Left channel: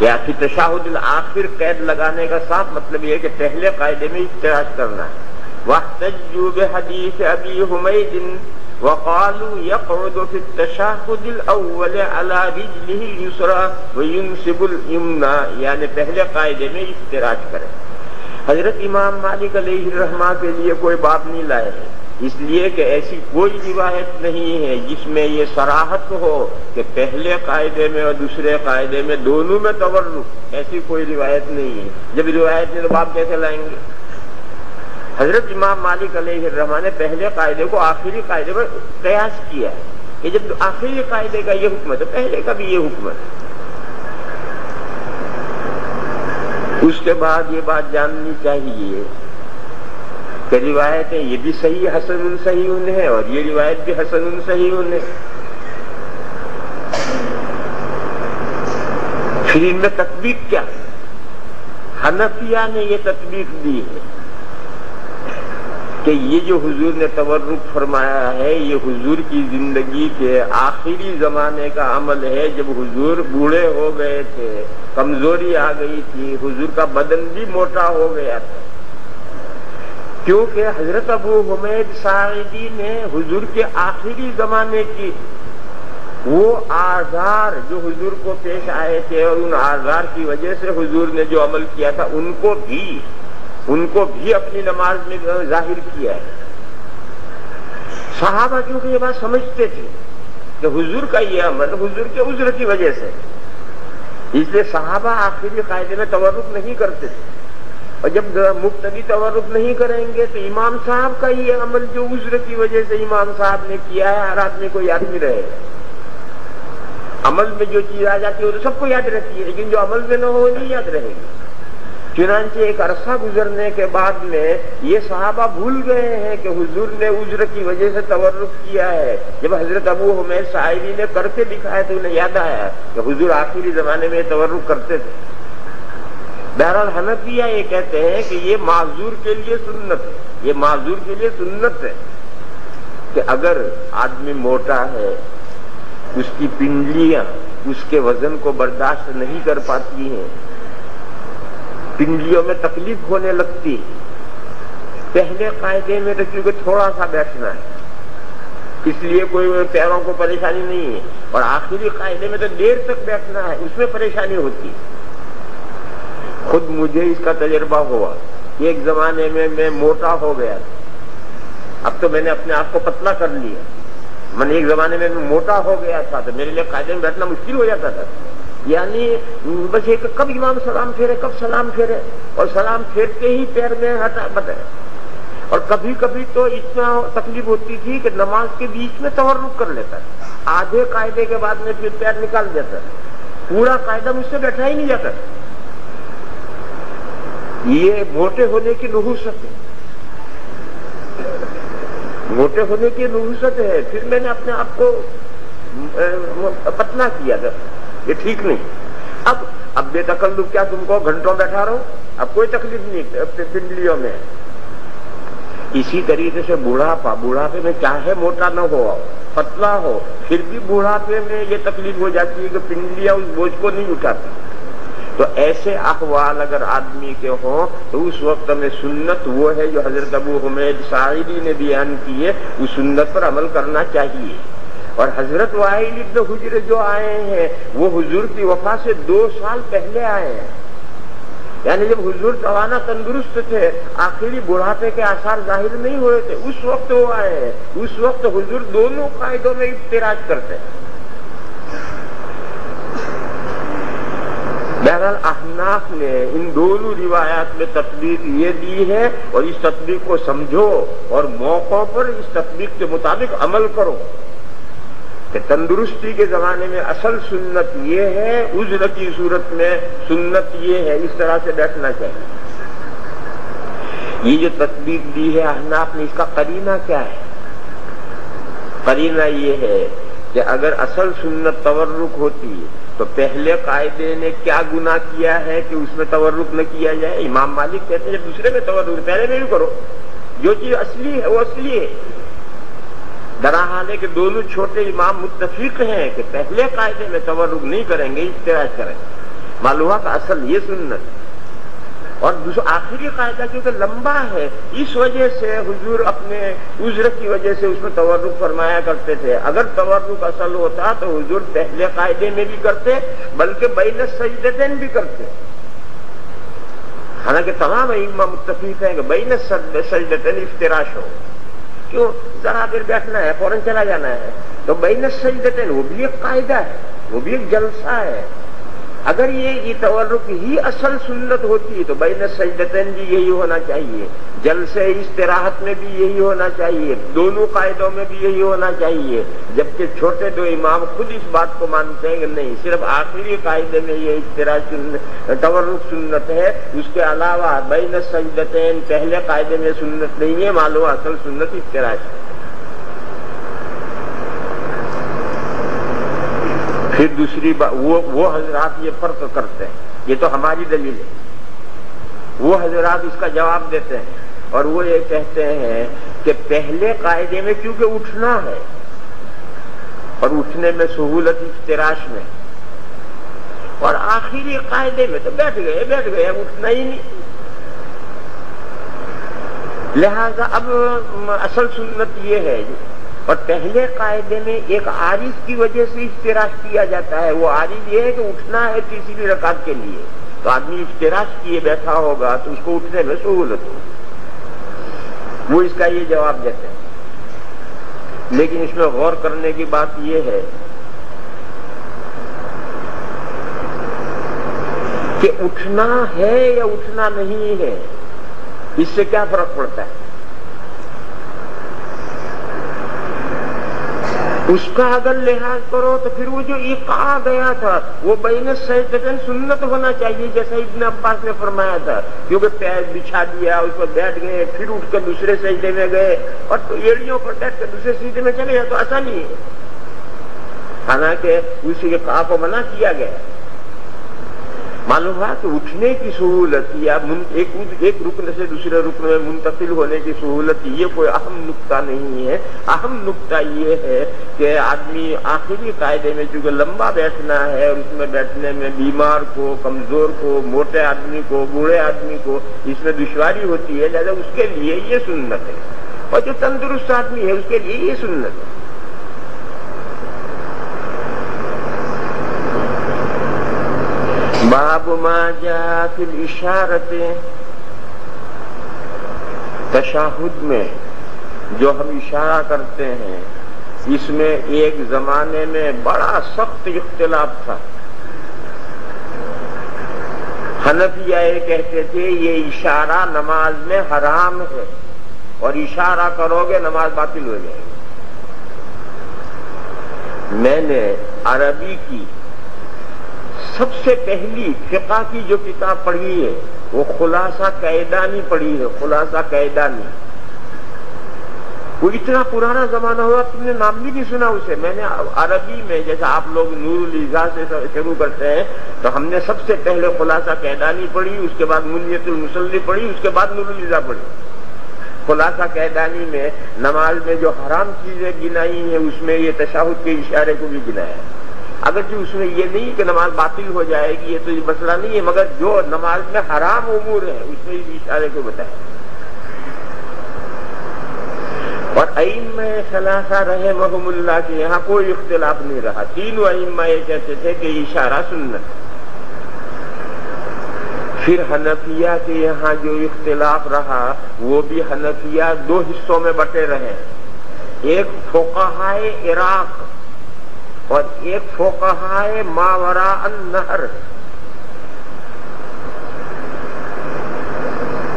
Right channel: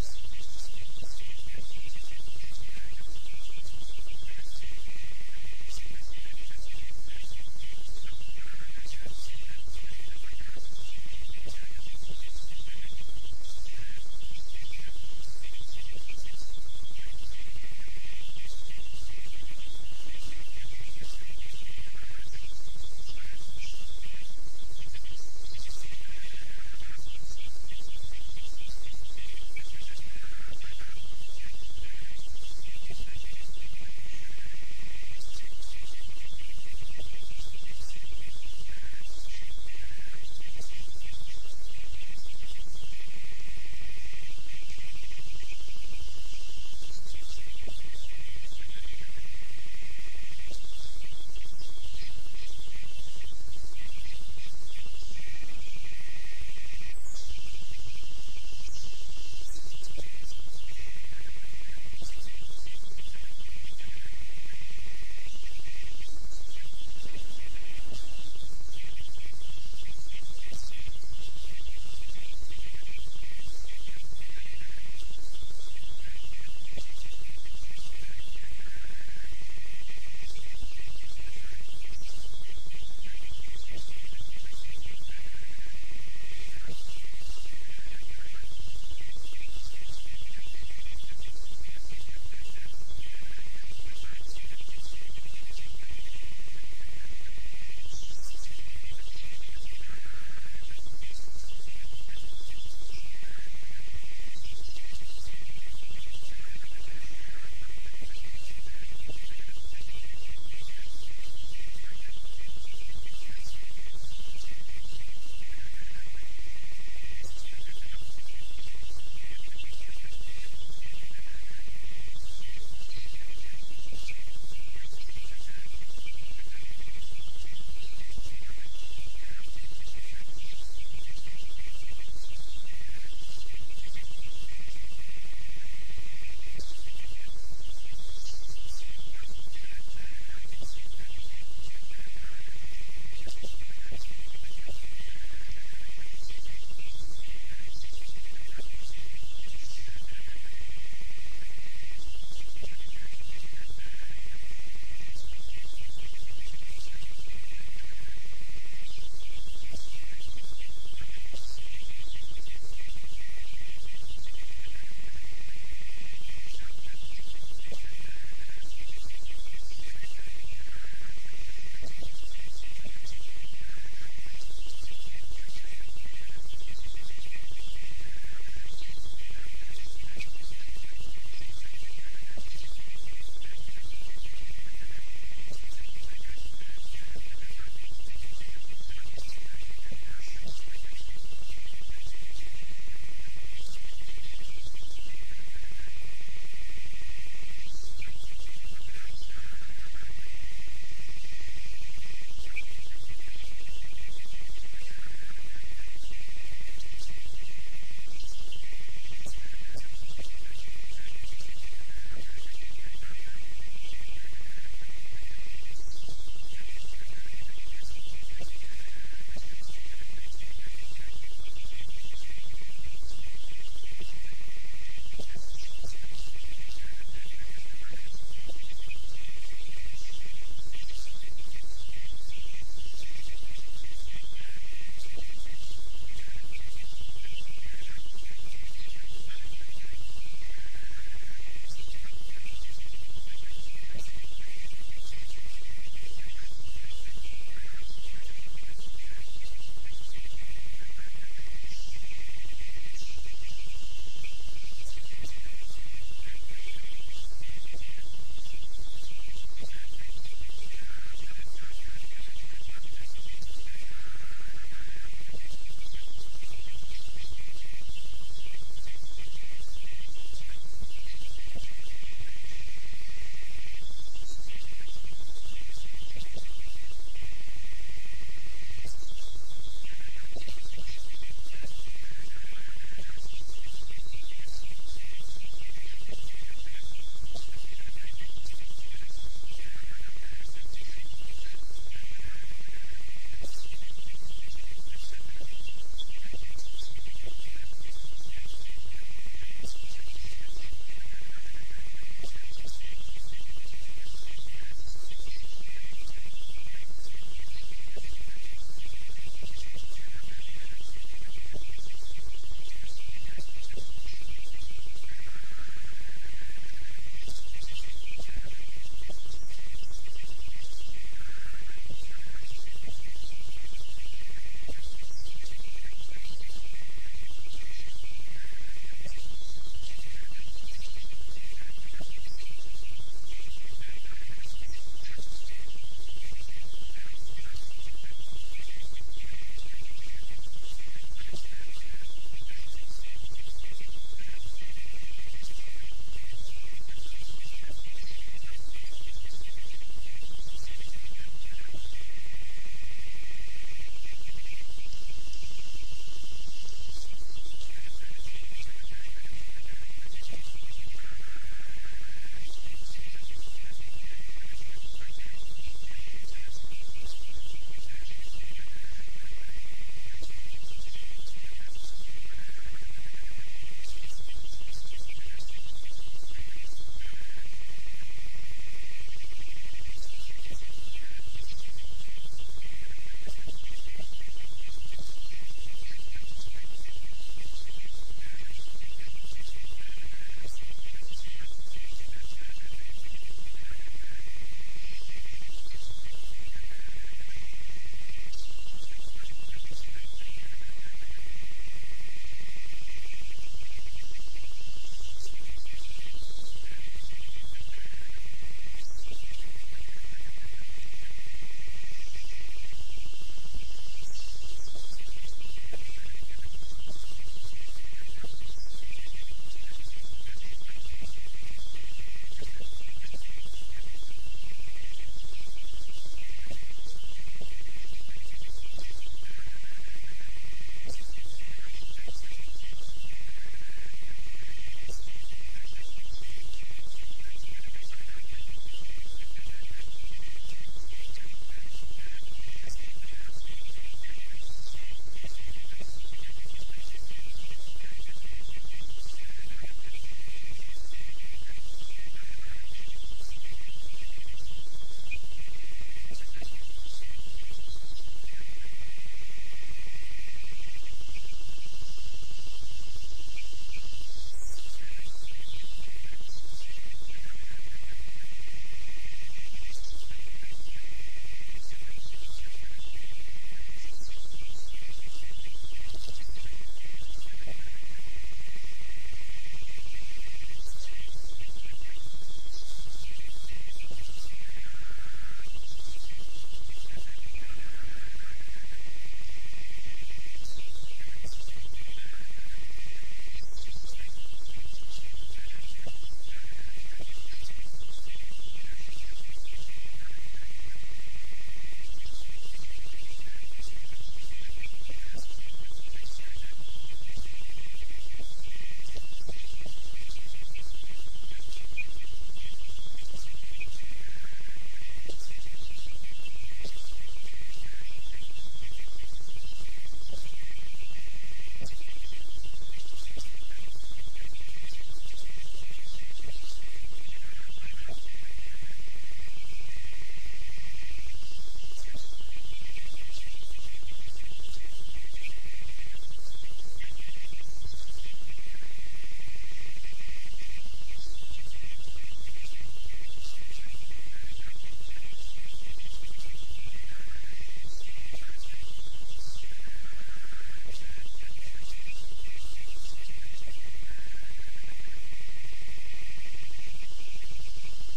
یا پھر تشہد الآخر قید لگانے کا صاف مطلب یہ ہے کہ پہلے قاعدے میں افتراش کرنا ہے. واحتجوا بحدیث ابی حمید وقالوا يقعد في التشهد الاول على رجله اليسرى وينصب اليمنى، یعنی پہلے قاعدے میں افتراش کرے. حضرت امام مالک علیہ الرحمہ کے لیے کوئی باب نہیں لائے ہیں، اس لیے کہ ایسی کوئی روایت نہیں ہے جس میں یہ صراحت ہو کہ پہلے قاعدے میں اور دوسرے قاعدے میں دونوں میں تورک، ایسی کوئی روایت نہیں ہے. جب روایت نہیں تو باب کیسے لائیں گے؟ حضرت امام مالک علیہ الرحمہ نے پہلے قاعدے کو آخری قاعدے پر قیاس کیا ہے کہ جب آخری قاعدے کا یہ حکم ہے تو پہلے کا بھی یہ حکم ہے. اس کے بعد یہ بات جاننی چاہیے کہ روایتیں یہ بھی صحیح حسن صحیح ہے اور یہ روایت بھی حسن صحیح ہے. پھر ان میں تطبیق کیا؟ حنفیہ نے یہ تطبیق دی ہے کہ یہ جو حضور نے تورک فرمایا ہے یہ حضور کی زندگی کے آخری زمانے کا عمل ہے، جب حضور بوڑھے ہو گئے تھے، کمزوری آ گئی تھی، حضور کا بدن بھی موٹا ہو گیا تھا. کیونکہ حضرت ابو حمید ساعدی نے حضور کے آخری زمانے کی وہ آزار جو حضور کو پیش آئے تھے اور ان آزار کی وجہ سے حضور نے جو عمل کیا تھا ان کو بھی اپنی نماز میں ظاہر کیا ہے. صحابہ کیونکہ یہ بات سمجھتے تھے کہ حضور کا یہ عمل حضور کے عذر کی وجہ سے، اس لیے صحابہ آخری قاعدے میں تورک نہیں کرتے تھے. اور جب مقتدی تورک نہیں کریں گے تو امام صاحب کا یہ عمل جو عذر کی وجہ سے امام صاحب نے کیا ہے ہر آدمی کو یاد نہیں رہے. عمل میں جو چیز آ جاتی ہے وہ تو سب کو یاد رہتی ہے، لیکن جو عمل میں نہ ہو نہیں یاد رہے گی. چنانچہ ایک عرصہ گزرنے کے بعد میں یہ صحابہ بھول گئے ہیں کہ حضور نے عذر کی وجہ سے تورک کیا ہے. جب حضرت ابو حمید ساعدی نے کر کے دکھایا تو انہیں یاد آیا کہ حضور آخری زمانے میں تورک کرتے تھے. بہرحال حنفیہ یہ کہتے ہیں کہ یہ معذور کے لیے سنت ہے، یہ معذور کے لیے سنت ہے کہ اگر آدمی موٹا ہے، اس کی پنڈلیاں اس کے وزن کو برداشت نہیں کر پاتی ہیں، پنڈلیوں میں تکلیف ہونے لگتی، پہلے قاعدے میں تو کیونکہ تھوڑا سا بیٹھنا ہے اس لیے کوئی پیروں کو پریشانی نہیں ہے، اور آخری قاعدے میں تو دیر تک بیٹھنا ہے اس میں پریشانی ہوتی. خود مجھے اس کا تجربہ ہوا. ایک زمانے میں میں موٹا ہو گیا تھا، اب تو میں نے اپنے آپ کو پتلا کر لیا. میں ایک زمانے میں موٹا ہو گیا تھا تو میرے لیے قاعدے میں بیٹھنا مشکل ہو جاتا تھا. یعنی بس ایک کب امام سلام پھیرے کب سلام پھیرے، اور سلام پھیرتے ہی پیر میں ہٹا بتائے. اور کبھی کبھی تو اتنا تکلیف ہوتی تھی کہ نماز کے بیچ میں تورک کر لیتا تھا، آدھے قاعدے کے بعد میں پھر پیر نکال دیتا، پورا قاعدہ مجھ سے بیٹھا ہی نہیں جاتا. یہ موٹے ہونے کی نحوست ہے، موٹے ہونے کی نحوست ہے. پھر میں نے اپنے آپ کو پتلا کیا تھا، یہ ٹھیک نہیں. اب بے تکلف کیا تم کو گھنٹوں بیٹھا رہو، اب کوئی تکلیف نہیں پنڈلیوں میں. اسی طریقے سے بوڑھاپے میں چاہے موٹا نہ ہو پتلا ہو پھر بھی بوڑھاپے میں یہ تکلیف ہو جاتی ہے کہ پنڈلیاں اس بوجھ کو نہیں اٹھاتی. تو ایسے احوال اگر آدمی کے ہوں تو اس وقت میں سنت وہ ہے جو حضرت ابو حمید ساعدی نے بیان کی ہے، اس سنت پر عمل کرنا چاہیے. اور حضرت وائل ابن حجر جو آئے ہیں وہ حضور کی وفات سے 2 سال پہلے آئے ہیں. یعنی جب حضور توانا تندرست تھے، آخری بڑھاپے کے آثار ظاہر نہیں ہوئے تھے، اس وقت وہ آئے ہیں. اس وقت حضور دونوں قاعدوں میں افتراج کرتے ہیں. بہرحال احناف نے ان دونوں روایات میں تطبیق یہ دی ہے، اور اس تطبیق کو سمجھو اور موقعوں پر اس تطبیق کے مطابق عمل کرو کہ تندرستی کے زمانے میں اصل سنت یہ ہے، عذر کی صورت میں سنت یہ ہے، اس طرح سے بیٹھنا چاہیے. یہ جو تطبیق دی ہے احناف نے، اس کا قرینہ کیا ہے؟ قرینہ یہ ہے کہ اگر اصل سنت تورک ہوتی تو پہلے قاعدے نے کیا گناہ کیا ہے کہ اس میں تورک نہ کیا جائے. امام مالک کہتے ہیں جب دوسرے میں تورک پہلے میں بھی کرو، جو چیز اصلی ہے وہ اصلی ہے. درحال ہے کہ دونوں چھوٹے امام متفق ہیں کہ پہلے قاعدے میں تورک نہیں کریں گے، افتراج کریں. معلوم کا اصل یہ سنت. اور دوسرا آخری قاعدہ کیونکہ لمبا ہے، اس وجہ سے حضور اپنے عذر کی وجہ سے اس میں تورک فرمایا کرتے تھے. اگر تورک اصل ہوتا تو حضور پہلے قاعدے میں بھی کرتے بلکہ بین السجدتین بھی کرتے. حالانکہ تمام ائمہ متفق ہیں کہ بین السجدتین افتراش ہو. کیوں؟ ذرا دیر بیٹھنا ہے، فوراً چلا جانا ہے، تو بین السجدتین وہ بھی ایک قاعدہ ہے، وہ بھی ایک جلسہ ہے. اگر یہ تورک ہی اصل سنت ہوتی تو بین السجدتین بھی یہی ہونا چاہیے، جلسے استراحت میں بھی یہی ہونا چاہیے، دونوں قاعدوں میں بھی یہی ہونا چاہیے. جبکہ چھوٹے دو امام خود اس بات کو مانتے ہیں کہ نہیں، صرف آخری قاعدے میں یہ تورک سنت ہے، اس کے علاوہ بین السجدتین پہلے قاعدے میں سنت نہیں ہے. معلوم اصل سنت افتراش ہے. پھر دوسری بات، وہ حضرات یہ فرق کرتے ہیں، یہ تو ہماری دلیل ہے. وہ حضرات اس کا جواب دیتے ہیں اور وہ یہ کہتے ہیں کہ پہلے قاعدے میں کیونکہ اٹھنا ہے اور اٹھنے میں سہولت افتراش میں، اور آخری قاعدے میں تو بیٹھ گئے اب اٹھنا ہی نہیں. لہذا اب اصل سنت یہ ہے. اور پہلے قاعدے میں ایک عارض کی وجہ سے افتراش کیا جاتا ہے. وہ عارض یہ ہے کہ اٹھنا ہے تیسری رکعت کے لیے، تو آدمی افتراش کیے بیٹھا ہوگا تو اس کو اٹھنے میں سہولت ہو. وہ اس کا یہ جواب دیتے ہیں. لیکن اس میں غور کرنے کی بات یہ ہے کہ اٹھنا ہے یا اٹھنا نہیں ہے، اس سے کیا فرق پڑتا ہے. اس کا اگر لحاظ کرو تو پھر وہ جو ایقاع گیا تھا وہ بین السجدتین سنت ہونا چاہیے، جیسا ابن عباس نے فرمایا تھا. کیونکہ پیر بچھا دیا، اس پر بیٹھ گئے، پھر اٹھ کر دوسرے سجدے میں گئے اور ایڑیوں پر بیٹھ کر دوسرے سجدے میں چلے گئے تو آسانی ہے. حالانکہ اس ایقاع کو منع کیا گیا. معلوم ہوا کہ اٹھنے کی سہولت یا ایک رکن سے دوسرے رکن میں منتقل ہونے کی سہولت یہ کوئی اہم نقطہ نہیں ہے. اہم نقطہ یہ ہے کہ آدمی آخری قاعدے میں چونکہ لمبا بیٹھنا ہے اور اس میں بیٹھنے میں بیمار کو، کمزور کو، موٹے آدمی کو، بوڑھے آدمی کو اس میں دشواری ہوتی ہے، لہذا اس کے لیے یہ سنت ہے. اور جو تندرست آدمی ہے اس کے لیے یہ سنت ہے. باب ما جاء فی الاشارۃ، تشہد میں جو ہم اشارہ کرتے ہیں اس میں ایک زمانے میں بڑا سخت اختلاف تھا. حنفیہ یہ کہتے تھے یہ اشارہ نماز میں حرام ہے اور اشارہ کرو گے نماز باطل ہو جائے گی. میں نے عربی کی سب سے پہلی فقہ کی جو کتاب پڑھی ہے وہ خلاصہ قیدانی پڑھی ہے. خلاصہ قیدانی، وہ اتنا پرانا زمانہ ہوا تم نے نام بھی نہیں سنا اسے. میں نے عربی میں جیسا آپ لوگ نور الاضاء سے شروع کرتے ہیں تو ہم نے سب سے پہلے خلاصہ قیدانی پڑھی، اس کے بعد منیت المصلی پڑھی، اس کے بعد نور الاضاء پڑھی. خلاصہ قیدانی میں نماز میں جو حرام چیزیں گنائی ہیں اس میں یہ تشہد کے اشارے کو بھی گنایا ہے. اگرچہ اس میں یہ نہیں کہ نماز باطل ہو جائے گی، یہ تو یہ مسئلہ نہیں ہے، مگر جو نماز میں حرام امور ہیں اس میں اس اشارے کو بتایا. اور ائمہ ثلاثہ رحمہم اللہ کے یہاں کوئی اختلاف نہیں رہا. تینوں ائمہ یہ کہتے تھے کہ اشارہ سنت. پھر حنفیہ کے یہاں جو اختلاف رہا وہ بھی حنفیہ دو حصوں میں بٹے رہے. ایک فقہائے عراق اور ایک فقہائے ماوراء النہر.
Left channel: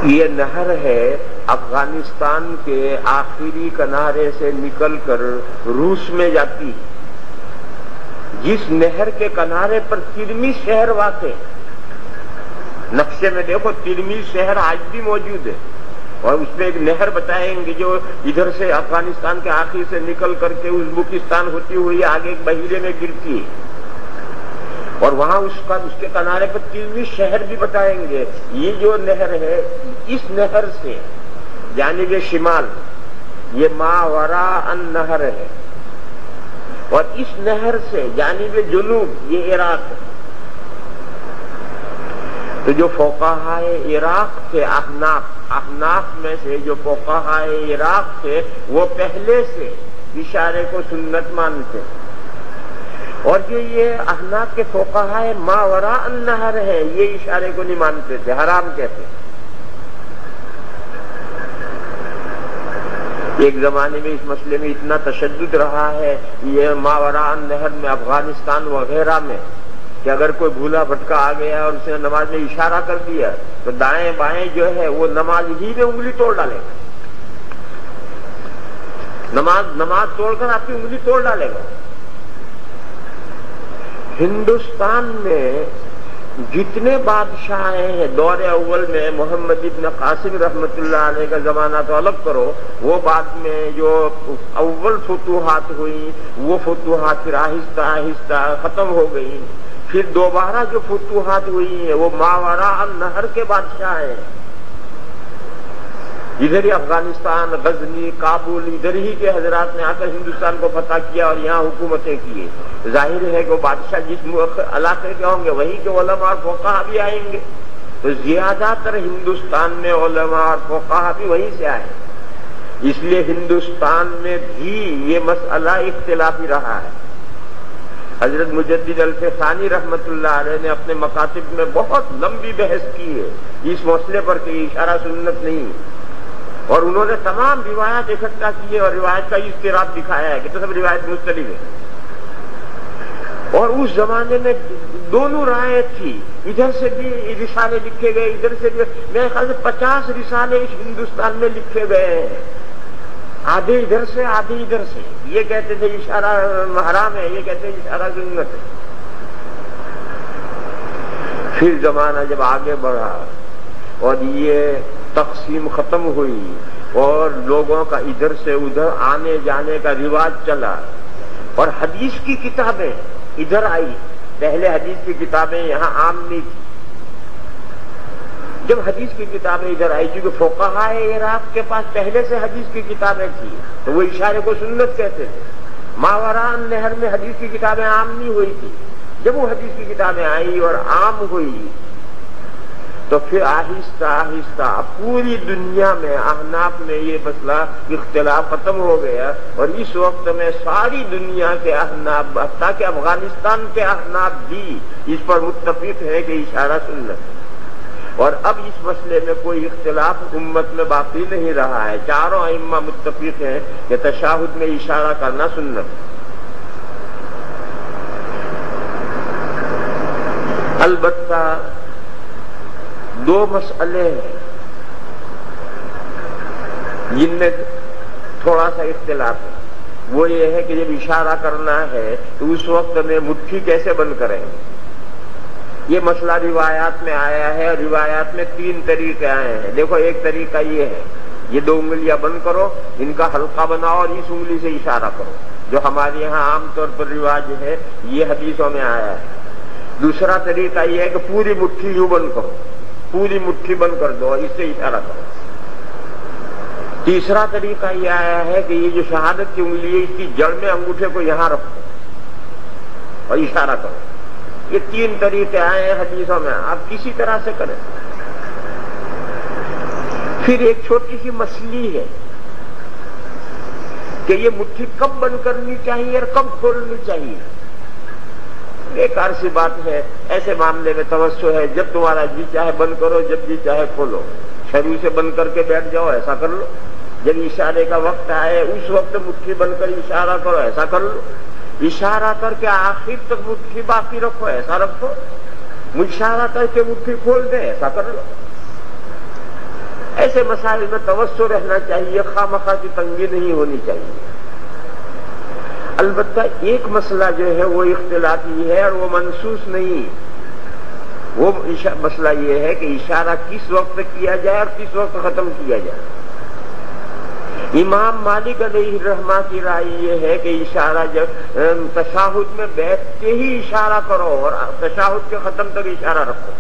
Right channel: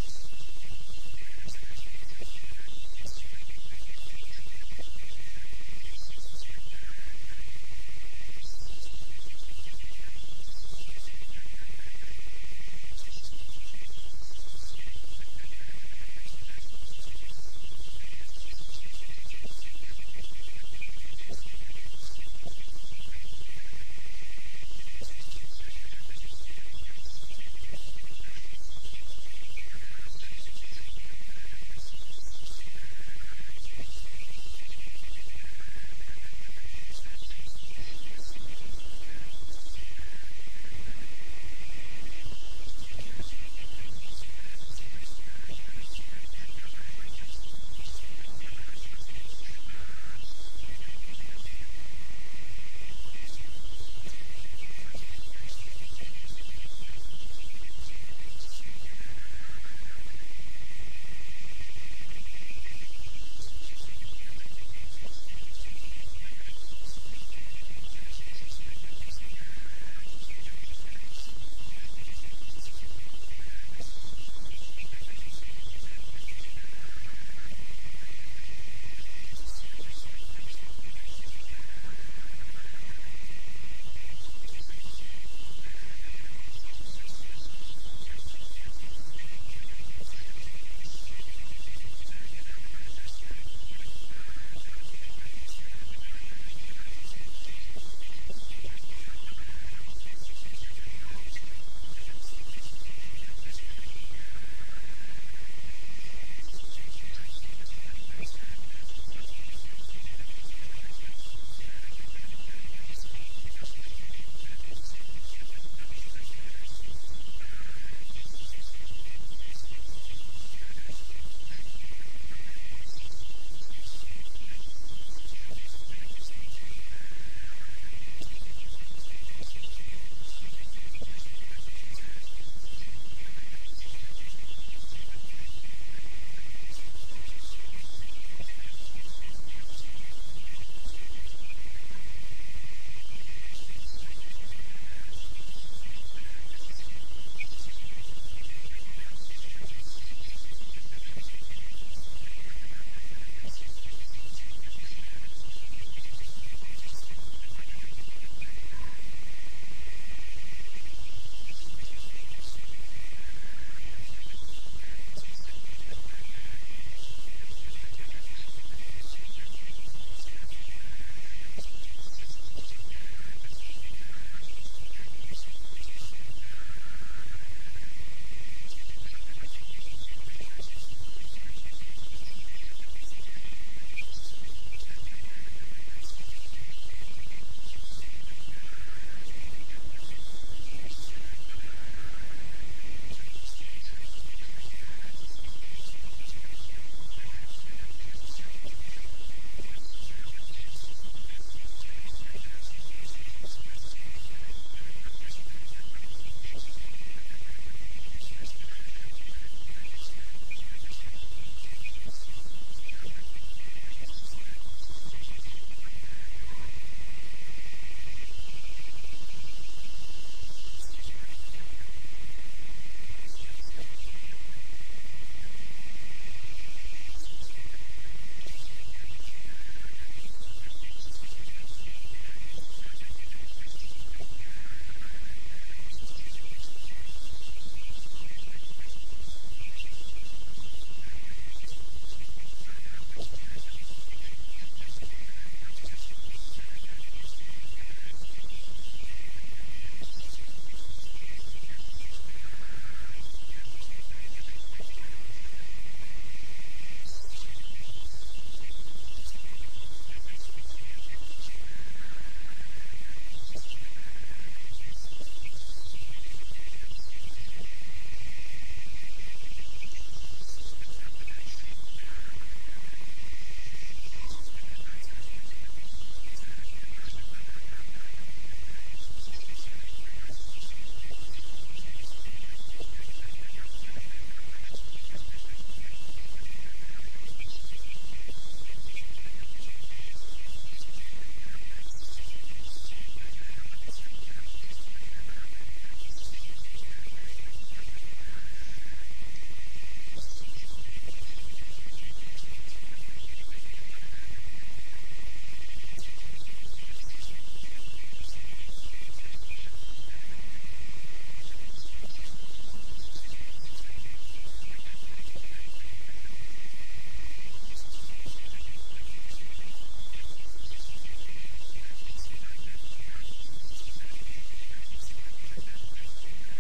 یہ نہر ہے افغانستان کے آخری کنارے سے نکل کر روس میں جاتی. جس نہر کے کنارے پر ترمیز شہر واقع، نقشے میں دیکھو ترمیز شہر آج بھی موجود ہے اور اس میں ایک نہر بتائیں گے جو ادھر سے افغانستان کے آخر سے نکل کر کے ازبکستان ہوتی ہوئی آگے ایک بحیرے میں گرتی ہے اور وہاں اس کے کنارے پر ترمیز شہر بھی بتائیں گے. یہ جو نہر ہے اس نہر سے جانب شمال یہ ماوراء النہر ہے اور اس نہر سے جانب جنوب یہ عراق ہے. تو جو فقہائے عراق تھے احناف میں سے جو فقہائے عراق تھے وہ پہلے سے اشارے کو سنت مانتے، اور جو یہ احناف کے فقہائے ما وراء النہر ہے یہ اشارے کو نہیں مانتے تھے، حرام کہتے۔ ایک زمانے میں اس مسئلے میں اتنا تشدد رہا ہے یہ ما وراء النہر میں، افغانستان وغیرہ میں، کہ اگر کوئی بھولا بھٹکا آ گیا اور اس نے نماز میں اشارہ کر دیا تو دائیں بائیں جو ہے وہ نماز ہی میں انگلی توڑ ڈالے گا، نماز توڑ کر آپ کی انگلی توڑ ڈالے گا۔ ہندوستان میں جتنے بادشاہ ہیں دور اول میں، محمد ابن قاسم رحمت اللہ علیہ کا زمانہ تو الگ کرو، وہ بعد میں جو اول فتوحات ہوئی وہ فتوحات پھر آہستہ آہستہ ختم ہو گئی، پھر دوبارہ جو فتوحات ہوئی ہیں وہ ما وراء النہر کے بادشاہ ہیں، ادھر ہی افغانستان، غزنی، کابل، ادھر ہی کے حضرات نے آ کر ہندوستان کو فتح کیا اور یہاں حکومتیں کیے۔ ظاہر ہے کہ وہ بادشاہ جس علاقے کے ہوں گے وہیں کے علماء اور فقہا بھی آئیں گے، تو زیادہ تر ہندوستان میں علماء اور فقہا بھی وہیں سے آئے، اس لیے ہندوستان میں بھی یہ مسئلہ اختلافی رہا ہے۔ حضرت مجدد الفسانی رحمت اللہ علیہ نے اپنے مکاتب میں بہت لمبی بحث کی ہے اس مسئلے پر کہ اشارہ سنت نہیں، اور انہوں نے تمام روایات اکٹھا کی ہے اور روایت کا اضطراب دکھایا ہے کہ تو سب روایت مختلف ہے، اور اس زمانے میں دونوں رائے تھی، ادھر سے بھی رسالے لکھے گئے، ادھر سے بھی، میرے خیال سے 50 رسالے اس ہندوستان میں لکھے گئے ہیں، آدھے ادھر سے آدھے ادھر سے، یہ کہتے تھے اشارہ حرام ہے، یہ کہتے ہیں اشارہ سنت ہے۔ پھر زمانہ جب آگے بڑھا اور یہ تقسیم ختم ہوئی اور لوگوں کا ادھر سے ادھر آنے جانے کا رواج چلا، اور حدیث کی کتابیں ادھر آئی، پہلے حدیث کی کتابیں یہاں عام نہیں تھی، جب حدیث کی کتابیں ادھر آئی چونکہ فقہائے عراق کے پاس پہلے سے حدیث کی کتابیں تھیں تو وہ اشارے کو سنت کہتے تھے، ما وراء النہر میں حدیث کی کتابیں عام نہیں ہوئی تھی، جب وہ حدیث کی کتابیں آئی اور عام ہوئی تو پھر آہستہ آہستہ پوری دنیا میں احناف میں یہ مسئلہ اختلاف ختم ہو گیا، اور اس وقت میں ساری دنیا کے احناف حتیٰ کہ افغانستان کے احناف بھی اس پر متفق ہے کہ اشارہ سنت ہے، اور اب اس مسئلے میں کوئی اختلاف امت میں باقی نہیں رہا ہے، چاروں ائمہ متفق ہیں کہ تشہد میں اشارہ کرنا سنت ہے۔ البتہ دو مسئلے ہیں جن میں تھوڑا سا اختلاف ہے، وہ یہ ہے کہ جب اشارہ کرنا ہے تو اس وقت میں مٹھی کیسے بند کریں، یہ مسئلہ روایات میں آیا ہے، اور روایات میں 3 طریقے آئے ہیں۔ دیکھو ایک طریقہ یہ ہے، یہ 2 انگلیاں بند کرو، ان کا حلقہ بناؤ اور اس انگلی سے اشارہ کرو، جو ہمارے یہاں عام طور پر رواج ہے، یہ حدیثوں میں آیا ہے۔ دوسرا طریقہ یہ ہے کہ پوری مٹھی یوں بند کرو، پوری مٹھی بند کر دو، اس سے اشارہ کرو۔ تیسرا طریقہ یہ آیا ہے کہ یہ جو شہادت کی انگلی ہے اس کی جڑ میں انگوٹھے کو یہاں رکھو اور اشارہ کرو۔ یہ 3 طریقے آئے ہیں حدیثوں میں، آپ کسی طرح سے کریں۔ پھر ایک چھوٹی سی مسئلہ ہے کہ یہ مٹھی کب بند کرنی چاہیے اور کب کھولنی چاہیے، بیکار سی بات ہے، ایسے معاملے میں توسع ہے، جب تمہارا جی چاہے بند کرو، جب جی چاہے کھولو، شروع سے بند کر کے بیٹھ جاؤ، ایسا کر لو، جب اشارے کا وقت آئے اس وقت مٹھی بند کر اشارہ کرو، ایسا کر لو، اشارہ کر کے آخر تک مٹھی باقی رکھو، ایسا رکھو، اشارہ کر کے مٹھی کھول دے، ایسا کر لو۔ ایسے مسائل میں توسع رہنا چاہیے، خواہ مخواہ کی تنگی نہیں ہونی چاہیے۔ البتہ ایک مسئلہ جو ہے وہ اختلافی ہے اور وہ منصوص نہیں، وہ مسئلہ یہ ہے کہ اشارہ کس وقت کیا جائے اور کس وقت ختم کیا جائے۔ امام مالک علیہ الرحمہ کی رائے یہ ہے کہ اشارہ جب تشہد میں بیٹھتے ہی اشارہ کرو اور تشہد کے ختم تک اشارہ رکھو۔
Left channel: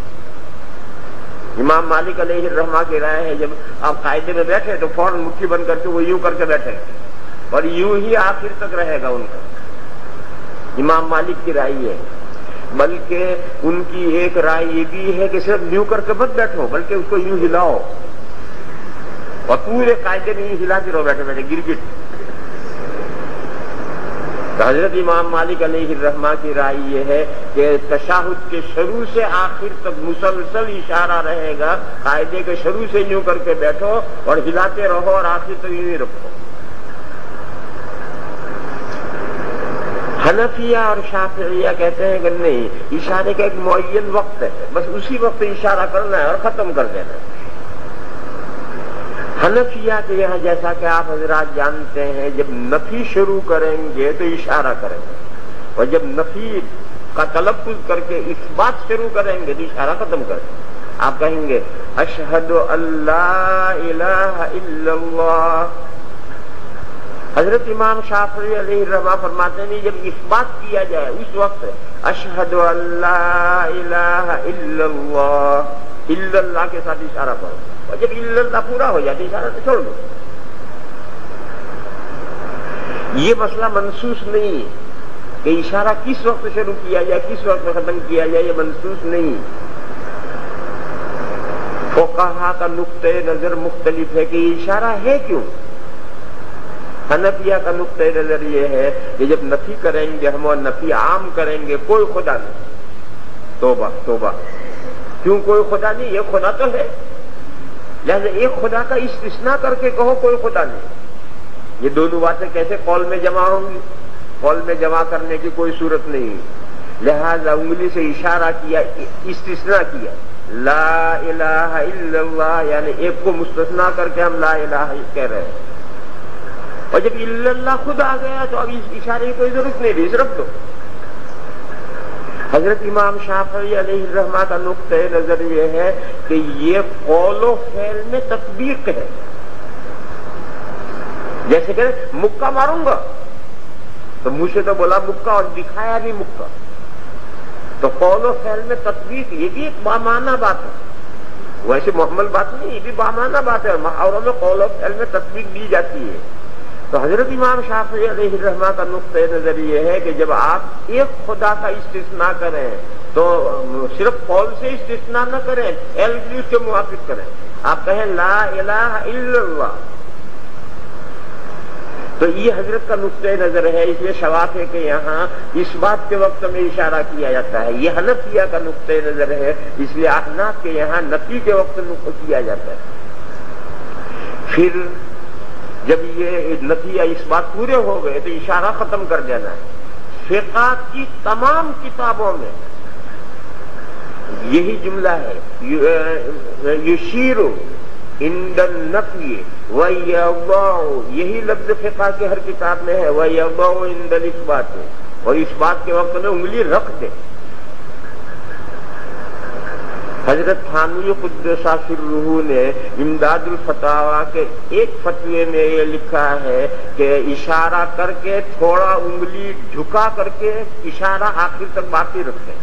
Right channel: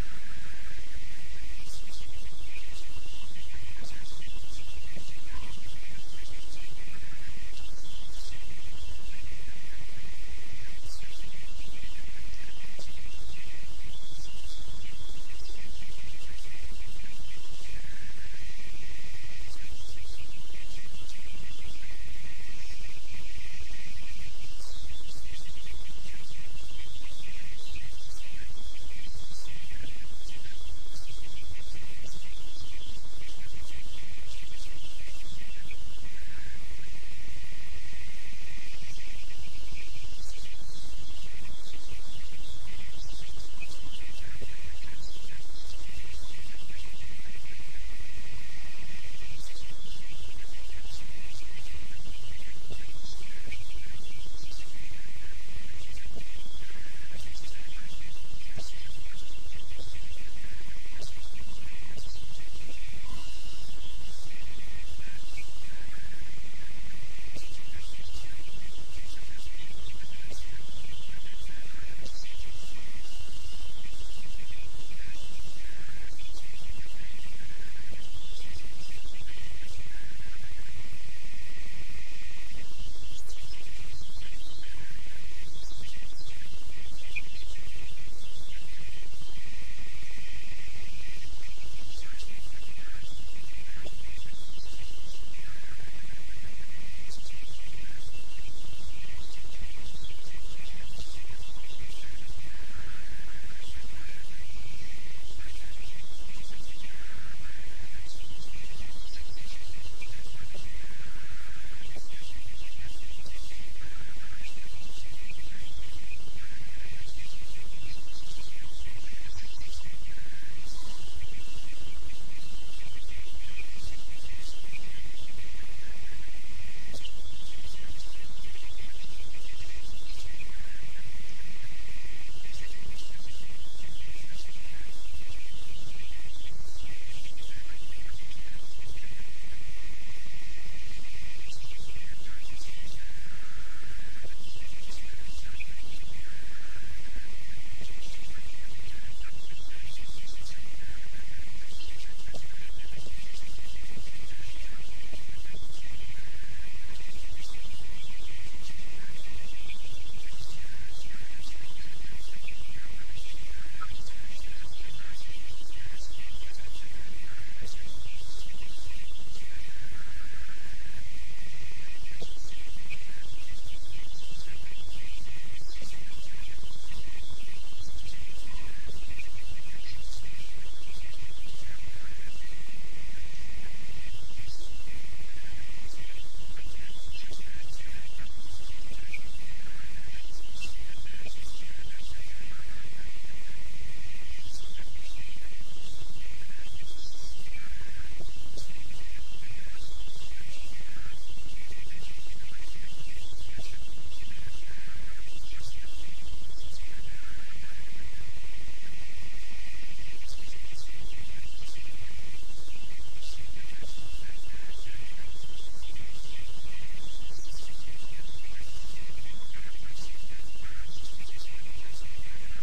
امام مالک علیہ الرحمہ کی رائے ہے جب آپ قاعدے میں بیٹھے تو فوراً مٹھی بند کر کے وہ یوں کر کے بیٹھے اور یوں ہی آخر تک رہے گا ان کا، امام مالک کی رائے ہے۔ بلکہ ان کی ایک رائے یہ بھی ہے کہ صرف یوں کر کے مت بیٹھو، بلکہ اس کو یوں ہلاؤ، اور پورے قاعدے میں یوں ہلاتے رہو بیٹھے بیٹھے گرگٹ۔ تو حضرت امام مالک علیہ الرحمہ کی رائے یہ ہے کہ تشہد کے شروع سے آخر تک مسلسل اشارہ رہے گا، قاعدے کے شروع سے یوں کر کے بیٹھو اور ہلاتے رہو اور آخر تک یوں ہی رکھو۔ حنفیہ اور شافعیہ کہتے ہیں کہ نہیں، اشارے کا ایک معین وقت ہے، بس اسی وقت اشارہ کرنا ہے اور ختم کر دینا ہے۔ حنفیہ کے یہاں جیسا کہ آپ حضرات جانتے ہیں، جب نفی شروع کریں گے تو اشارہ کریں گے، اور جب نفی کا تلفظ کر کے اس بات شروع کریں گے تو اشارہ ختم کر دیں۔ آپ کہیں گے اشہد ان لا الہ الا اللہ۔ حضرت امام شافعی علیہ الرحمہ فرماتے ہیں جب اس بات کیا جائے اس وقت اشہد ان لا الہ الا اللہ، الا اللہ کے ساتھ اشارہ کرو، اور جب الا اللہ پورا ہو جائے تو اشارہ تو چھوڑ دو۔ یہ مسئلہ منسوخ نہیں ہے کہ اشارہ کس وقت شروع کیا جائے کس وقت ختم کیا جائے، یہ منسوخ نہیں۔ فقہا کا نقطۂ نظر مختلف ہے کہ یہ اشارہ ہے کیوں۔ حنفیہ کا نقطۂ نظر یہ ہے کہ جب نفی کریں گے ہم اور نفی عام کریں گے، کوئی خدا نہیں، توبہ توبہ، کیوں کوئی خدا نہیں؟ یہ خدا تو ہے، لہذا ایک خدا کا استثناء کر کے کہو کوئی خدا نہیں۔ یہ دونوں باتیں کیسے قول میں جمع ہوں گی؟ قول میں جمع کرنے کی کوئی صورت نہیں، لہذا انگلی سے اشارہ کیا، استثناء کیا، لا الہ الا اللہ، یعنی ایک کو مستثنیٰ کر کے ہم لا الہ کہہ رہے ہیں، اور جب الا اللہ خود آ گیا تو اب اس اشارے کی کوئی ضرورت نہیں، بھی رکھ دو۔ حضرت امام شافعی علیہ الرحمہ کا نقطۂ نظر یہ ہے کہ یہ قول و فعل میں تطبیق ہے، جیسے کہ مکہ ماروں گا تو منہ سے تو بولا مکہ اور دکھایا بھی مکہ، تو قول و فعل میں تطبیق یہ بھی ایک بامعنی بات ہے، ویسے محمل بات نہیں، یہ بھی بامعنی بات ہے، محاوروں میں قول و فعل میں تطبیق دی جاتی ہے۔ تو حضرت امام شافعی علیہ الرحمہ کا نقطۂ نظر یہ ہے کہ جب آپ ایک خدا کا استثناء کریں تو صرف قول سے استثناء نہ کریں، اس کے موافق کریں، آپ کہیں لا الہ الا اللہ، تو یہ حضرت کا نقطۂ نظر ہے۔ اس لیے شوافع کے یہاں اس بات کے وقت میں اشارہ کیا جاتا ہے، یہ حنفیہ کا نقطۂ نظر ہے، اس لیے احناف کے یہاں نفی کے وقت کیا جاتا ہے۔ پھر جب یہ نفی یا اس بات پورے ہو گئے تو اشارہ ختم کر دینا ہے۔ فقہ کی تمام کتابوں میں یہی جملہ ہے، یشیر عند النفی ویضع، یہی لفظ فقہ کی ہر کتاب میں ہے، ویضع عند الاثبات، اور اس بات کے وقت میں انگلی رکھ دے۔ حضرت تھانوی قدس سرہ نے امداد الفتاویٰ کے ایک فتوے میں یہ لکھا ہے کہ اشارہ کر کے تھوڑا انگلی جھکا کر کے اشارہ آخر تک باقی رکھے۔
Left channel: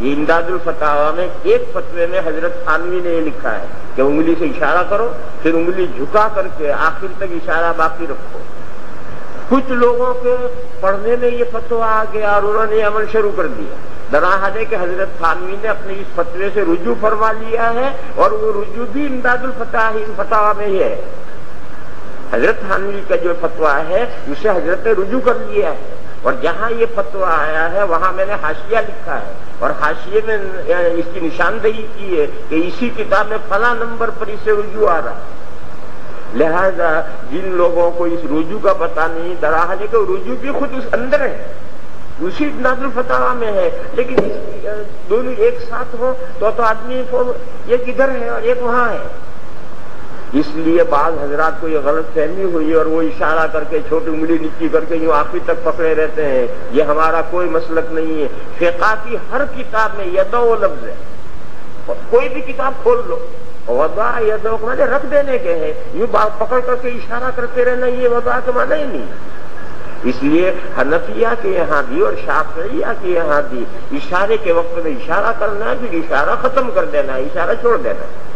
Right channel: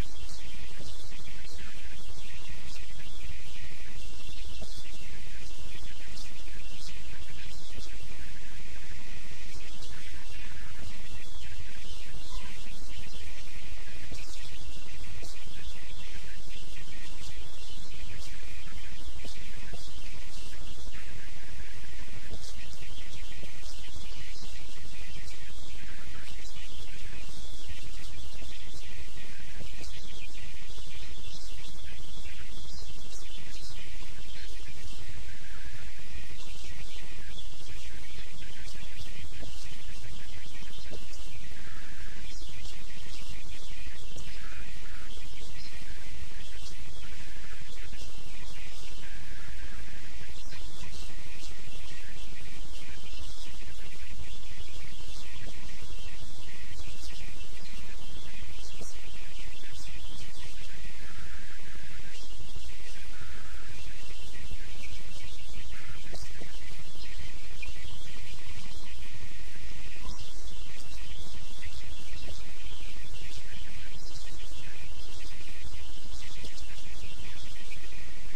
یہ امداد الفتاویٰ میں ایک فتوے میں حضرت تھانوی نے یہ لکھا ہے کہ انگلی سے اشارہ کرو، پھر انگلی جھکا کر کے آخر تک اشارہ باقی رکھو۔ کچھ لوگوں کے پڑھنے میں یہ فتویٰ آ گیا اور انہوں نے عمل شروع کر دیا، دراحد ہے کہ حضرت تھانوی نے اپنے اس فتوے سے رجوع فرما لیا ہے، اور وہ رجوع بھی امداد الفتاویٰ میں ہی ہے۔ حضرت تھانوی کا جو فتویٰ ہے اسے حضرت نے رجوع کر لیا ہے، اور جہاں یہ فتویٰ آیا ہے وہاں میں نے حاشیہ لکھا ہے، اور حاشیے میں اس کی نشاندہی کی ہے کہ اسی کتاب میں فلاں نمبر پر اسے رجوع آ رہا ہے۔ لہذا جن لوگوں کو اس رجوع کا پتہ نہیں، دراحد ہے کہ رجوع بھی خود اس اندر ہے، اسی امداد الفتاویٰ میں ہے، لیکن دونوں ایک ساتھ ہو تو آدمی کو ایک ادھر ہے اور ایک وہاں ہے۔ اس لیے بعض حضرات کو یہ غلط فہمی ہوئی اور وہ اشارہ کر کے چھوٹی انگلی نیچی کر کے یوں آخر تک پکڑے رہتے ہیں، یہ ہمارا کوئی مسلک نہیں ہے۔ فقہ کی ہر کتاب میں یدو لفظ ہے، کوئی بھی کتاب کھول لو، وضع یدو کے معنی رکھ دینے کے ہیں، یوں پکڑ کر کے اشارہ کرتے رہنا یہ وضع کا معنی ہی نہیں ہے۔ اس لیے حنفیہ کے یہاں بھی اور شافعیہ کے یہاں بھی اشارے کے وقت میں اشارہ کرنا ہے، پھر اشارہ ختم کر دینا ہے، اشارہ چھوڑ دینا ہے۔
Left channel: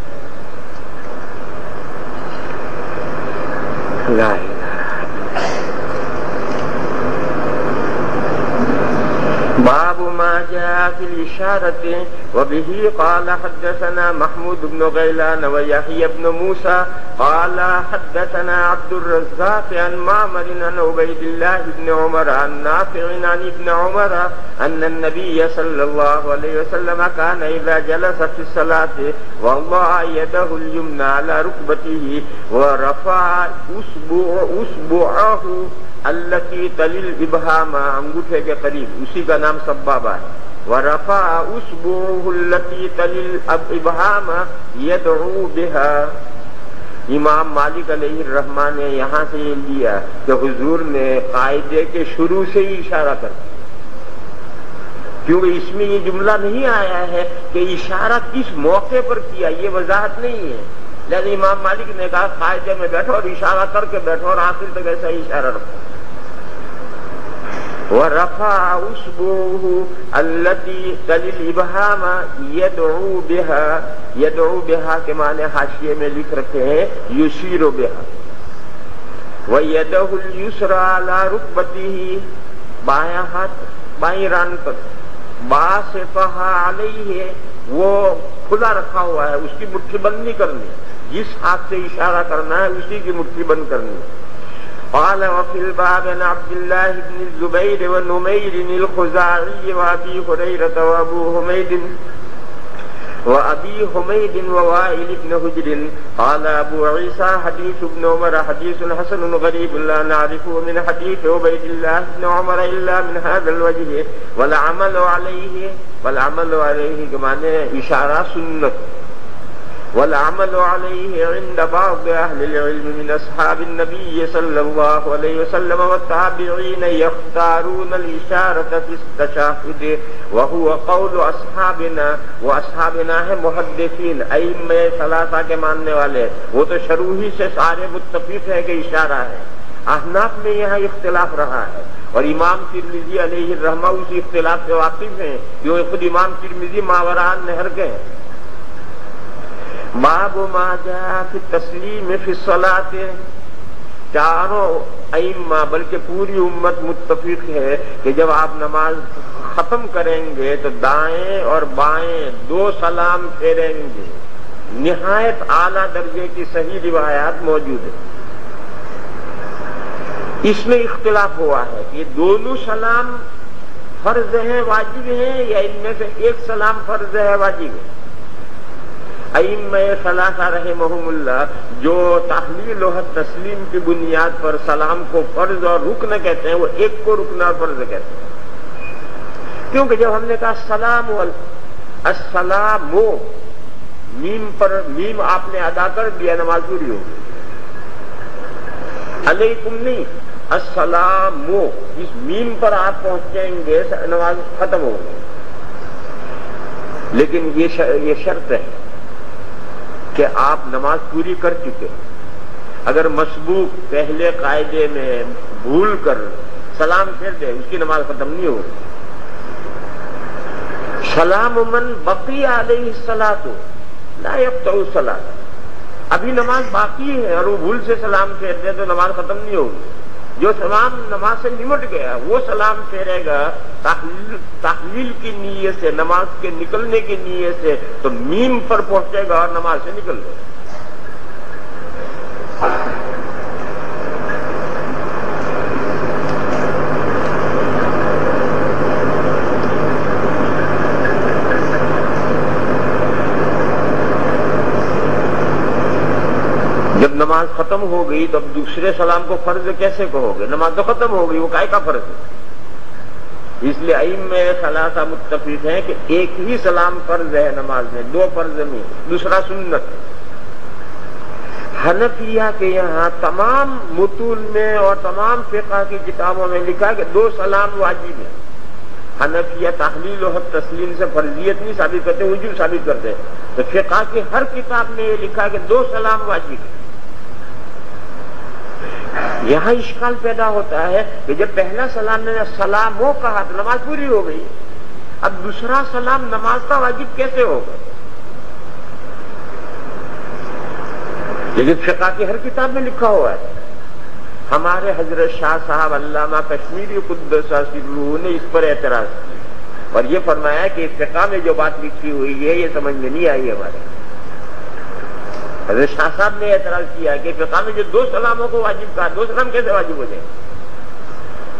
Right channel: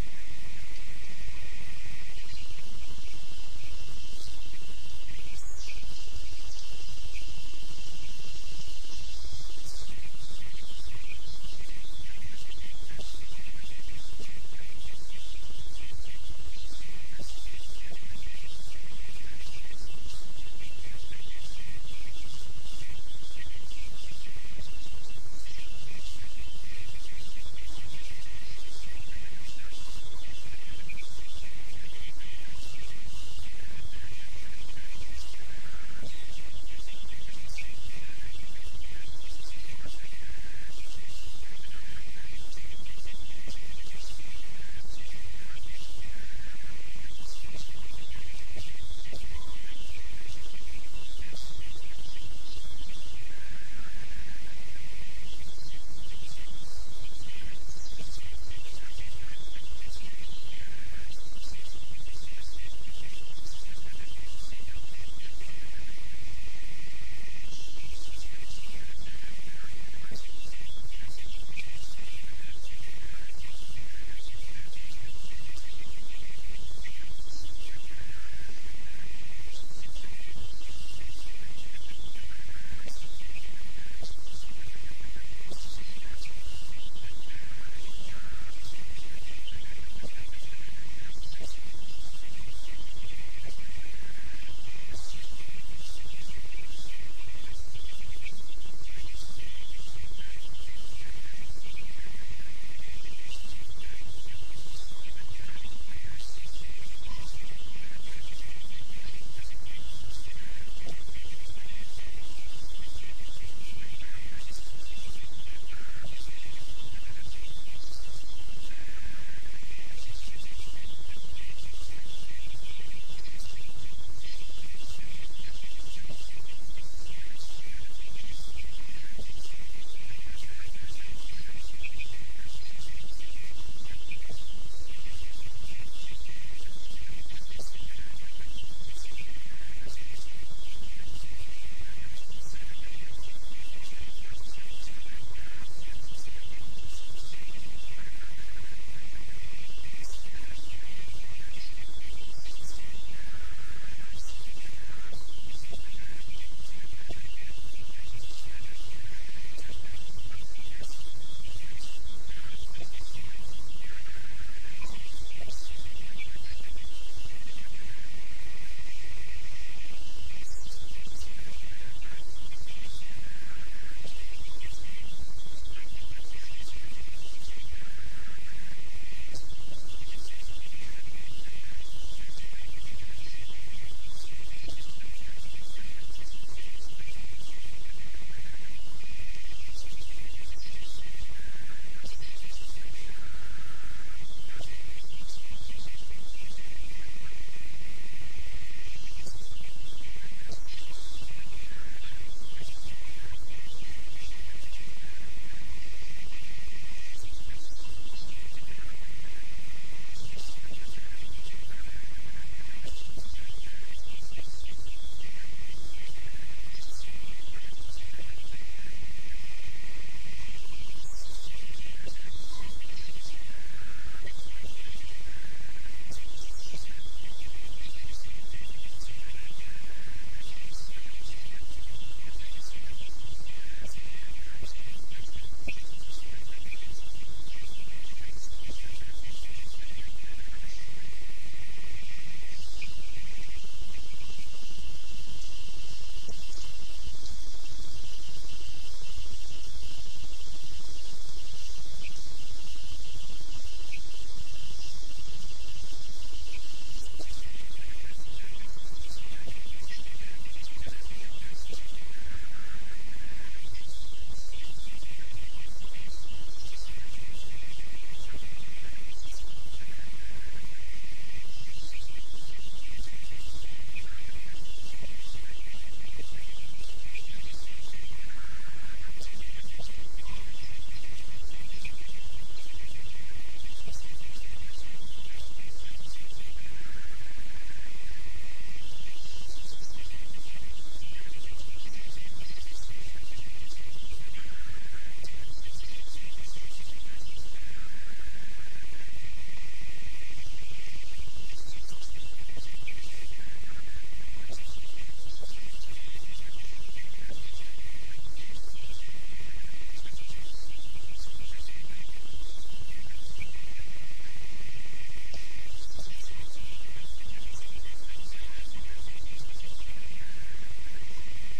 لا الہ۔ باب ما ما جاء في الإشارة وبه قال حدثنا محمود بن غيلان ويحيى بن موسى قال حدثنا عبد الرزاق عن معمر عن عبيد الله بن عمر عن نافع عن ابن عمر أن النبي صلى الله عليه وسلم كان إذا جلس في الصلاة ووضع يده اليمنى على ركبته ورفع أصبعه التي تلی الابہام، انگوٹھے کے قریب، اسی کا نام سبابہ ہے. ورفع اصبعه التي تلی الابہام يدعو بها. امام مالک علیہ الرحمہ نے یہاں سے یہ لیا کہ حضور نے قاعدے کے شروع سے ہی اشارہ کر دیا، کیونکہ اس میں یہ جملہ نہیں آیا ہے کہ اشارہ کس موقع پر کیا، یہ وضاحت نہیں ہے. لہذا امام مالک نے کہا قاعدے میں بیٹھو اور اشارہ کر کے بیٹھو اور آخر تک ایسا ہی اشارہ رکھو. وَرَفَعَ أُصْبُعُهُ الَّتِي تَلِي الْإِبْهَامَ يَدْعُو بِهَا. يَدْعُو بِهَا کے معنی حاشیے میں لکھ رکھے ہیں يُشِيرُ بِهَا. وَيَدَهُ الْيُسْرَى عَلَى رُكْبَتِهِ، بایاں ہاتھ بائیں ران پر، باسطها علیہ، وہ کھلا رکھا ہوا ہے، اس کی مٹھی بند نہیں کرنی، جس ہاتھ سے اشارہ کرنا ہے اسی کی مٹھی بند کرنی. قال وفي الباب عن عبد الله بن الزبير ونمير الخزاعي وابي هريره وابي حميد ووائل بن حجر. قال ابو عيسى حديث ابن عمر حديث حسن غريب لا نعرفه من حديث عبيد الله بن عمر الا من هذا الوجه والعمل عليه کے معنی اشارہ سنت. والعمل عليه عند بعض أهل العلم من أصحاب النبي صلى الله عليه وسلم والتابعين يختارون الإشارة في التشهد وهو قول أصحابنا. وأصحابنا ہے محدثین، ائمہ ثلاثہ کے ماننے والے، وہ تو شروع ہی سے سارے متفق ہے کہ اشارہ ہے. احناف میں یہاں اختلاف رہا ہے اور امام ترمذی علیہ الرحمہ اسی اختلاف سے واقف ہیں، جو خود امام ترمذی ماوراء النہر کے ہیں. باب ما جاء فی التسلیم فی الصلاۃ. چاروں ائمہ بلکہ پوری امت متفق ہے کہ جب آپ نماز ختم کریں گے تو دائیں اور بائیں دو سلام پھیریں گے. نہایت اعلیٰ درجے کی صحیح روایات موجود ہیں. اس میں اختلاف ہوا ہے کہ یہ دونوں سلام فرض ہیں، واجب ہیں، یا ان میں سے ایک سلام فرض ہے، واجب ہے. ائمہ ثلاثہ رحمہم اللہ جو تحلیل و تسلیم کی بنیاد پر سلام کو فرض اور رکن کہتے ہیں، وہ ایک کو رکن اور فرض کہتے ہیں. کیونکہ جب ہم نے کہا السلام میم پر میم آپ نے ادا کر دیا، نماز پوری ہو گئی. علیکم نہیں، السلام، اس میم پر آپ پہنچیں گے نماز ختم ہو گئی. لیکن یہ شرط ہے کہ آپ نماز پوری کر چکے. اگر مسبوق پہلے قاعدے میں بھول کر سلام پھیر دے، اس کی نماز ختم نہیں ہوگی. سلام من بقی علیہ الصلاۃ لا یقطع الصلاۃ. ابھی نماز باقی ہے اور وہ بھول سے سلام پھیر دے تو نماز ختم نہیں ہوگی. جو سلام نماز سے نمٹ گیا وہ سلام پھیرے گا تحلیل کی نیت سے، نماز کے نکلنے کی نیت سے، تو میم پر پہنچے گا اور نماز سے نکل جائے گا. جب نماز ختم ہو گئی تو اب دوسرے سلام کو فرض کیسے کہو گے؟ نماز تو ختم ہو گئی، وہ کائے کا فرض ہے؟ اس لیے ائمہ ثلاثہ متفق ہیں کہ ایک ہی سلام فرض ہے نماز میں، دو فرض نہیں، دوسرا سنت. حنفیہ کے یہاں تمام متون میں اور تمام فقہ کی کتابوں میں لکھا ہے کہ دو سلام واجب ہیں. حنفیہ تحلیل و تسلیم سے فرضیت نہیں ثابت کرتے، وجوب ثابت کرتے ہیں. تو فقہ کی ہر کتاب میں یہ لکھا ہے کہ دو سلام واجب ہیں. یہاں اشکال پیدا ہوتا ہے کہ جب پہلا سلام نے سلام ہو کہا تو نماز پوری ہو گئی، اب دوسرا سلام نماز کا واجب کیسے ہوگا؟ لیکن فقہ کی ہر کتاب میں لکھا ہوا ہے. ہمارے حضرت شاہ صاحب علامہ کشمیری قدس سرہ نے اس پر اعتراض کیا. اور یہ فرمایا کہ فقہ میں جو بات لکھی ہوئی ہے یہ سمجھ میں نہیں آئی ہمارے. حضرت شاہ صاحب نے اعتراض کیا کہ فقہ میں جو 2 سلاموں کو واجب کہا، 2 سلام کیسے واجب ہو جائے؟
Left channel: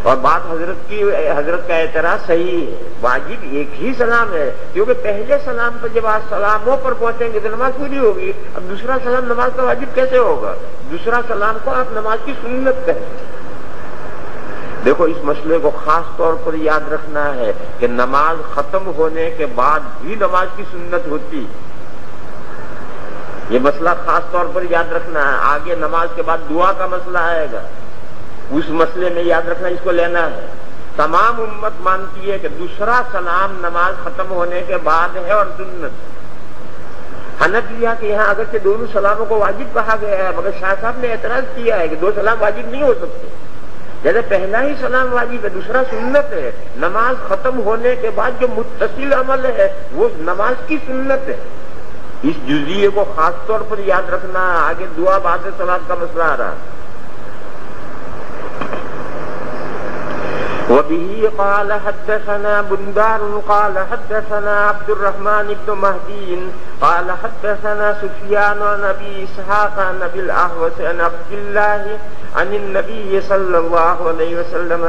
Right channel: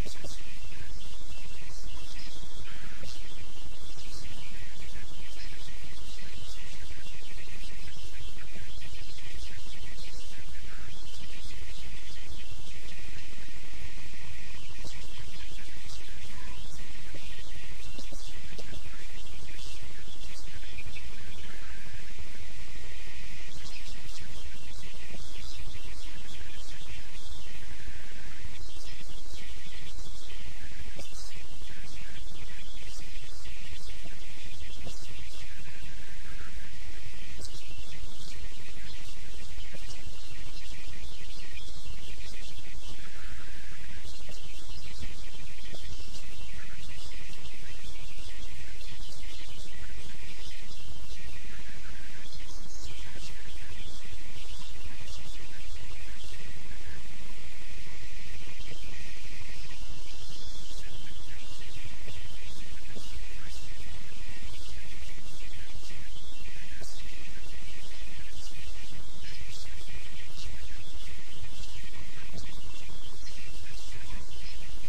اور بات حضرت کا اعتراض صحیح ہے، واجب ایک ہی سلام ہے، کیونکہ پہلے سلام پر جب آپ سلاموں پر پہنچیں گے تو نماز پوری ہوگی. اب دوسرا سلام نماز کا واجب کیسے ہوگا؟ دوسرا سلام کو آپ نماز کی سنت کہیں. دیکھو اس مسئلے کو خاص طور پر یاد رکھنا ہے کہ نماز ختم ہونے کے بعد بھی نماز کی سنت ہوتی. یہ مسئلہ خاص طور پر یاد رکھنا ہے. آگے نماز کے بعد دعا کا مسئلہ آئے گا، اس مسئلے میں یاد رکھنا، اس کو لینا ہے. تمام امت مانتی ہے کہ دوسرا سلام نماز ختم ہونے کے بعد ہے اور سنت. حنفیہ کہ یہاں اگرچہ دونوں سلاموں کو واجب کہا گیا ہے، مگر شاہ صاحب نے اعتراض کیا ہے کہ 2 سلام واجب نہیں ہو سکتے. جیسے پہلا ہی سلام واجب ہے، دوسرا سنت ہے. نماز ختم ہونے کے بعد جو متصل عمل ہے وہ نماز کی سنت ہے. اس جزئیے کو خاص طور پر یاد رکھنا. آگے دعا بعد صلاۃ کا مسئلہ آ رہا. وبه قال حدثنا بندار قال حدثنا عبد الرحمن بن مهدي قال حدثنا سفيان عن ابي اسحاق عن ابي الاحوص عن عبد الله عن النبي صلى الله عليه وسلم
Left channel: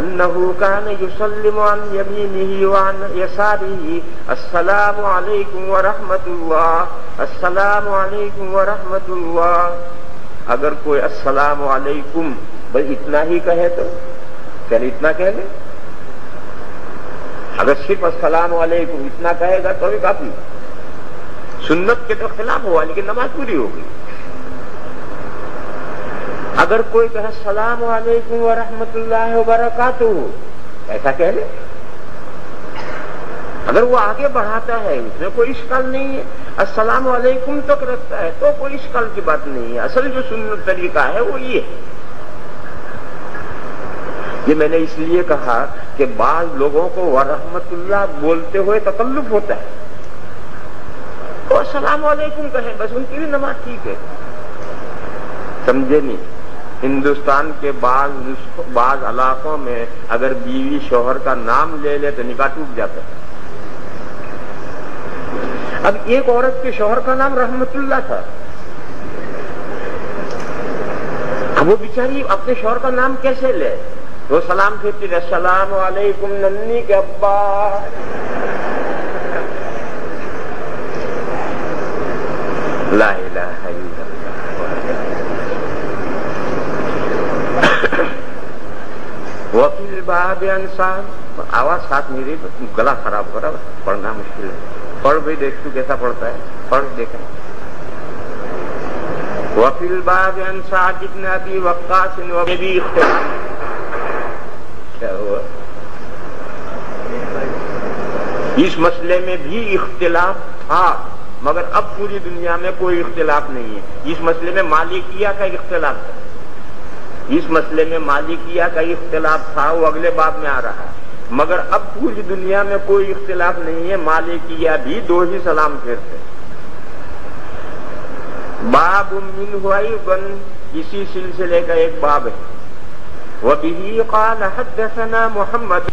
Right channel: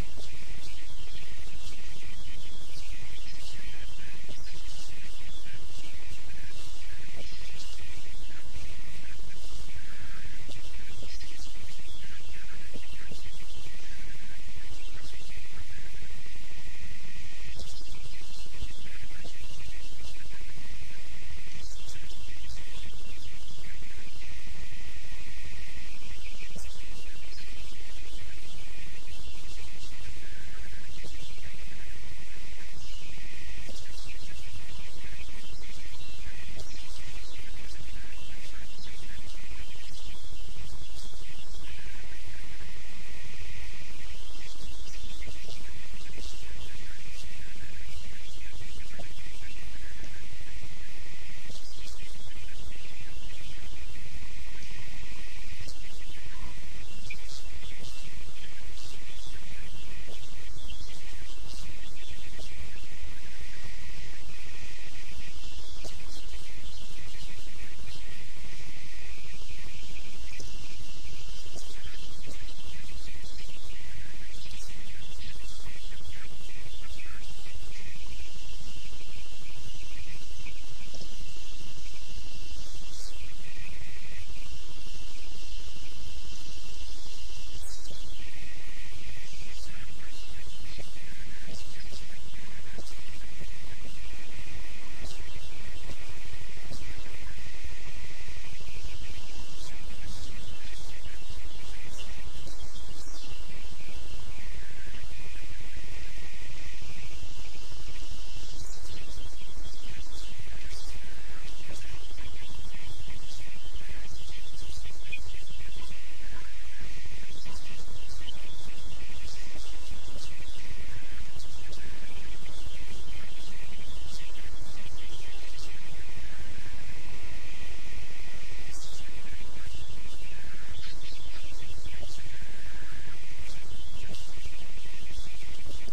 انه كان يسلم عن يمينه وعن يساره السلام عليكم ورحمة الله السلام عليكم ورحمة الله. اگر کوئی السلام علیکم بس اتنا ہی کہے تو چل اتنا کہہ لیں. اگر صرف السلام علیکم اتنا کہے گا تو بھی کافی. سنت کے تو خلاف ہوا لیکن نماز پوری ہوگی. اگر کوئی کہے السلام علیکم ورحمۃ اللہ وبرکاتہ ایسا کہہ لے. اگر وہ آگے بڑھاتا ہے اس میں کوئی اشکال نہیں ہے. السلام علیکم تک رکھتا ہے تو کوئی اشکال کی بات نہیں ہے. اصل جو سنت طریقہ ہے وہ یہ ہے. یہ میں نے اس لیے کہا کہ بعض لوگوں کو ورحمت اللہ بولتے ہوئے تکلف ہوتا ہے تو السلام علیکم کہیں بس ان کی بھی نماز ٹھیک ہے. سمجھے نہیں؟ ہندوستان کے بعض علاقوں میں اگر بیوی شوہر کا نام لے لے تو نکاح ٹوٹ جاتا ہے. اب ایک عورت کے شوہر کا نام رحمت اللہ تھا. اب وہ بیچاری اپنے شوہر کا نام کیسے لے؟ وہ سلام پھرتی رہے السلام علیکم ننی کے ابا. لا الہ الا اللہ. وفی الباب انسان آواز ساتھ نہیں رہی، گلا خراب ہو رہا، پڑھنا مشکل ہے. پڑھ بھی دیکھ تو کیسا پڑھتا ہے، پڑھ دیکھیں. وفی الباب انسان جتنا بھی وقاص بھی کیا ہوا، اس مسئلے میں بھی اختلاف تھا مگر اب پوری دنیا میں کوئی اختلاف نہیں ہے. اس مسئلے میں مالکیہ کا اختلاف تھا، اس مسئلے میں مالکیہ کا اختلاف تھا، وہ اگلے باب میں آ رہا ہے. مگر اب پوری دنیا میں کوئی اختلاف نہیں ہے. مالکیہ بھی 2 ہی سلام پھیرتے. باب منہ ایضا اسی سلسلے کا ایک باب ہے. وبه قال حدثنا محمد